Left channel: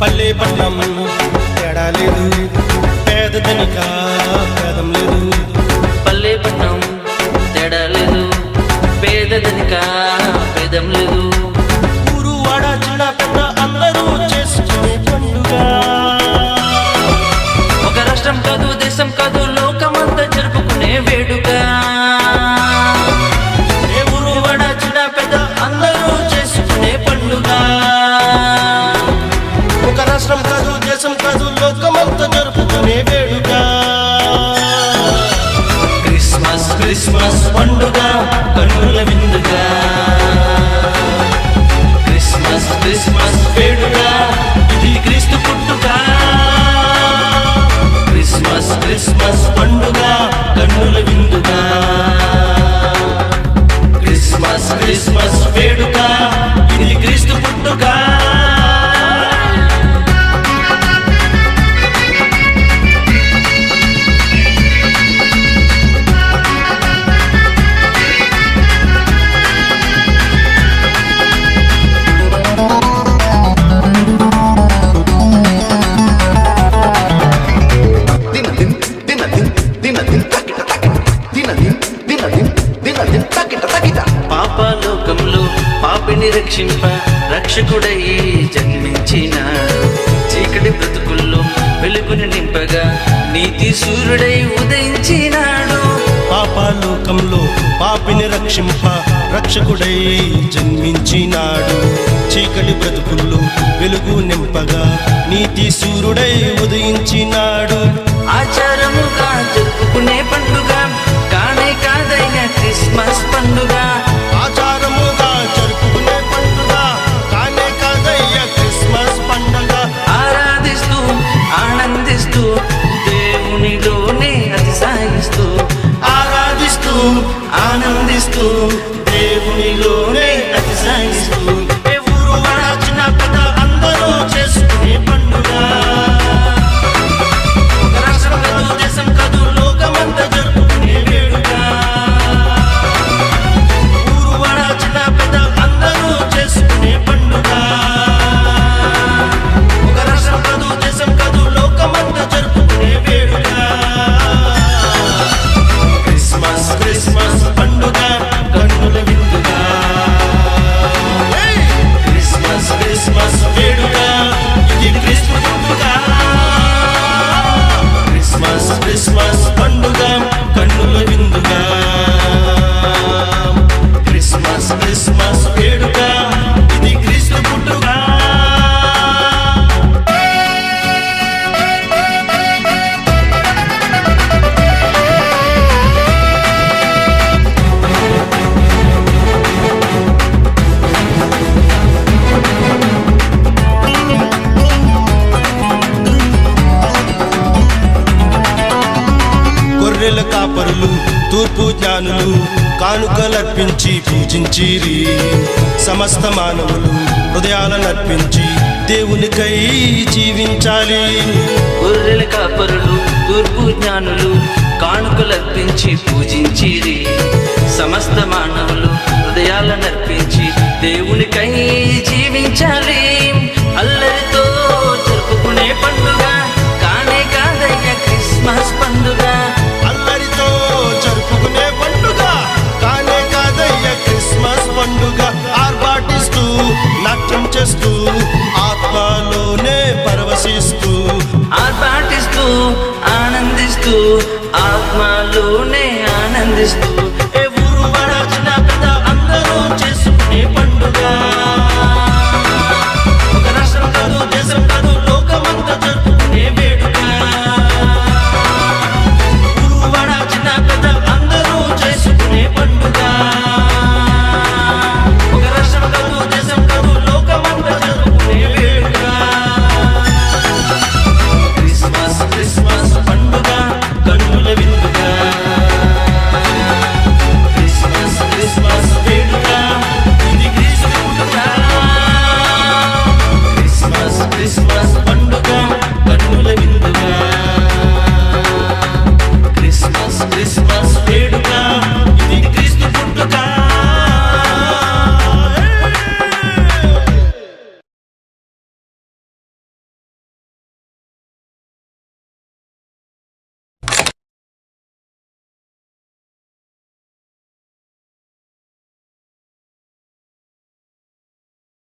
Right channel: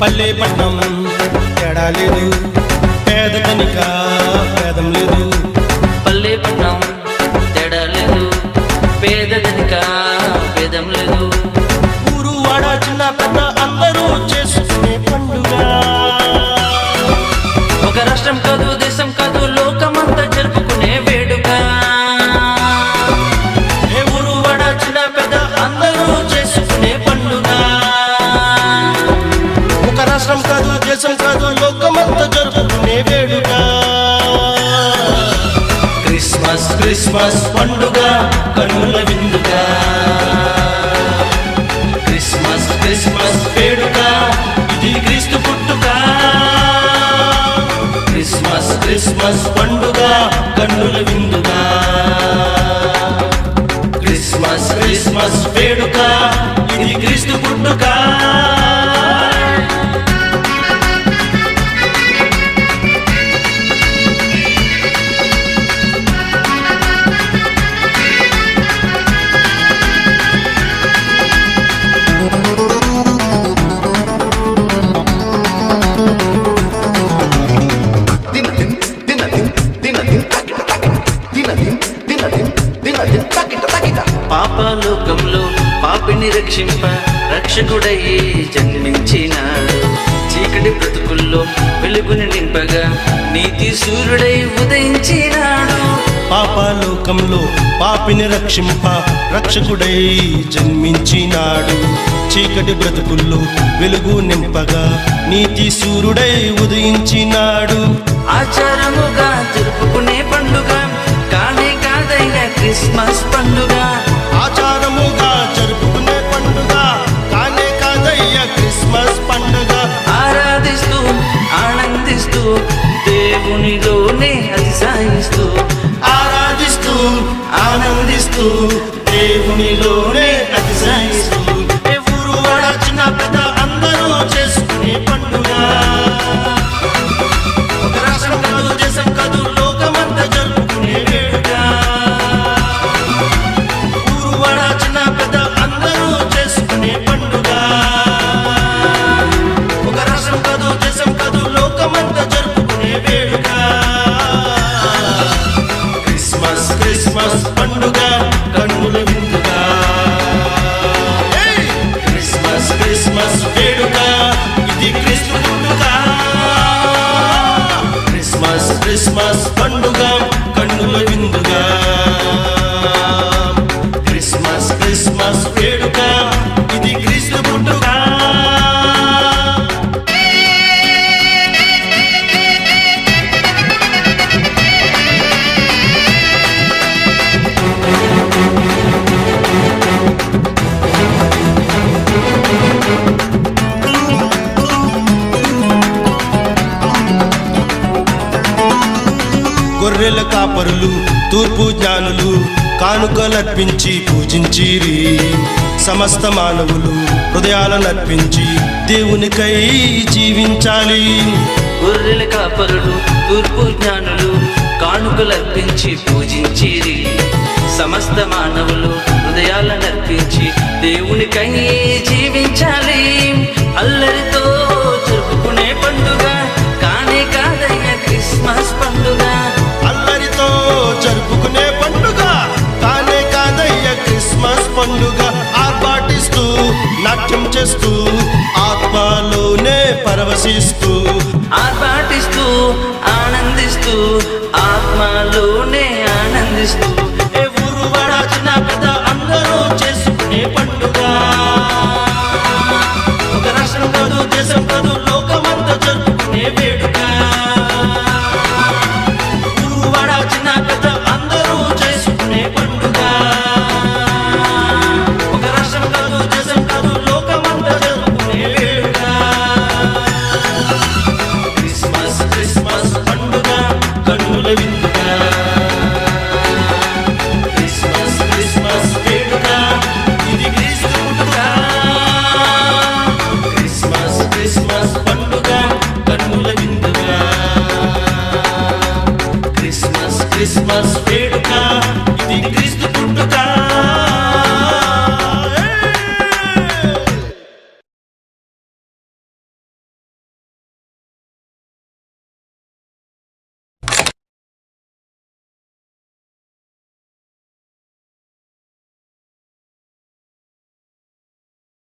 పల్లె పట్నం తేడా లేదు, పేద ధనిక భేదం లేదు. పల్లె పట్నం తేడా లేదు, పేద ధనిక భేదం లేదు. ఊరు వాడ చిన్న పెద్ద అందరూ చేసుకునే పండుగ. ఒక రాష్ట్రం కాదు, దేశం కాదు, లోకమంతా జరుపుకునే వేడుక. ఏ ఊరు వాడ చిన్న పెద్ద అందరూ చేసుకునే పండుగ. ఒక రాష్ట్రం కాదు, దేశం కాదు, లోకమంతా జరుపుకునే వేడుక. క్రిస్మస్ క్రిస్మస్ పండుగ కన్నుల విందుగా. క్రిస్మస్ క్రిస్మస్ వేడుక ఇది క్రీస్తు పుట్టుక. క్రిస్మస్ క్రిస్మస్ పండుగ కన్నుల విందుగా. క్రిస్మస్ క్రిస్మస్ వేడుక ఇది క్రీస్తు పుట్టుక. పాపలోకంలో పాపిని రక్షింప రక్షకుడై జన్మించినాడు. చీకటి బ్రతుకుల్లో వెలుగుని నింపగా నీతి సూర్యుడై ఉదయించినాడు. పాపలోకంలో పాపిని రక్షింప రక్షకుడై జన్మించినాడు. చీకటి బ్రతుకుల్లో వెలుగు నింపగా నీతి సూర్యుడై ఉదయించినాడు. ఆచారముగా జరుపుకునే పండుగ కానే కాదయ్యా క్రిస్మస్ పండుగ. ఆచారముగా జరుపుకునే పండుగ కానే కాదయ్యా క్రిస్మస్ పండుగ. ఆరాధిస్తూ ఆనందిస్తూ దేవునిలోనే అతిశయిస్తూ. ఆరాధిస్తూ ఆనందిస్తూ దేవునిలోనే అతిశయిస్తూ. ఏ ఊరు వాడ చిన్న పెద్ద అందరూ చేసుకునే పండుగ. ఒక రాష్ట్రం కాదు, దేశం కాదు, లోకమంతా జరుపుకునే వేడుక. ఊరు వాడ చిన్న పెద్ద అందరూ చేసుకునే పండుగ. ఒక రాష్ట్రం కాదు, దేశం కాదు, లోకమంతా జరుపుకునే వేడుక. క్రిస్మస్ క్రిస్మస్ పండుగ కన్నుల విందుగా. క్రిస్మస్ క్రిస్మస్ వేడుక ఇది క్రీస్తు పుట్టుక. క్రిస్మస్ క్రిస్మస్ పండుగ కన్నుల విందుగా. క్రిస్మస్ క్రిస్మస్ వేడుక ఇది క్రీస్తు పుట్టుక. గొర్రెల కాపరులు తూర్పు జ్ఞానులు కానుకలర్పించి పూజించిరి. సమస్త మానవులు హృదయాలనర్పించి దేవునికై జీవించాలి. గొర్రెల కాపరులు తూర్పు జ్ఞానులు కానుకలర్పించి పూజించిరి. సమస్త మానవులు హృదయాలనర్పించి దేవునికై జీవించాలి. అల్లరితో జరుపుకునే పండుగ కానే కాదయ్యా క్రిస్మస్ పండుగ. అల్లరితో జరుపుకునే పండుగ కానే కాదయ్య క్రిస్మస్ పండుగ. ఆర్భాటిస్తూ నాట్యం చేస్తూ ఆత్మలోనే పరవశిస్తూ ఆర్భాటిస్తూ ఆనందిస్తూ ఆత్మలోనే ఆనందిస్తూ ఏ ఊరు వాడ చిన్న పెద్ద అందరూ చేసుకునే పండుగ ఒక రాష్ట్రం కాదు దేశం కాదు లోకమంతా జరుపుకునే వేడుక ఊరు వాడ చిన్న పెద్ద అందరూ చేసుకునే పండుగ ఒక రాష్ట్రం కాదు దేశం కాదు లోకమంతా జరుపుకునే వేడుక క్రిస్మస్ క్రిస్మస్ పండుగ కన్నుల విందుగా క్రిస్మస్ క్రిస్మస్ వేడుక ఇది క్రీస్తు పుట్టుక క్రిస్మస్ క్రిస్మస్ పండుగ కన్నుల విందుగా క్రిస్మస్ క్రిస్మస్ వేడుక ఇది క్రీస్తు పుట్టుక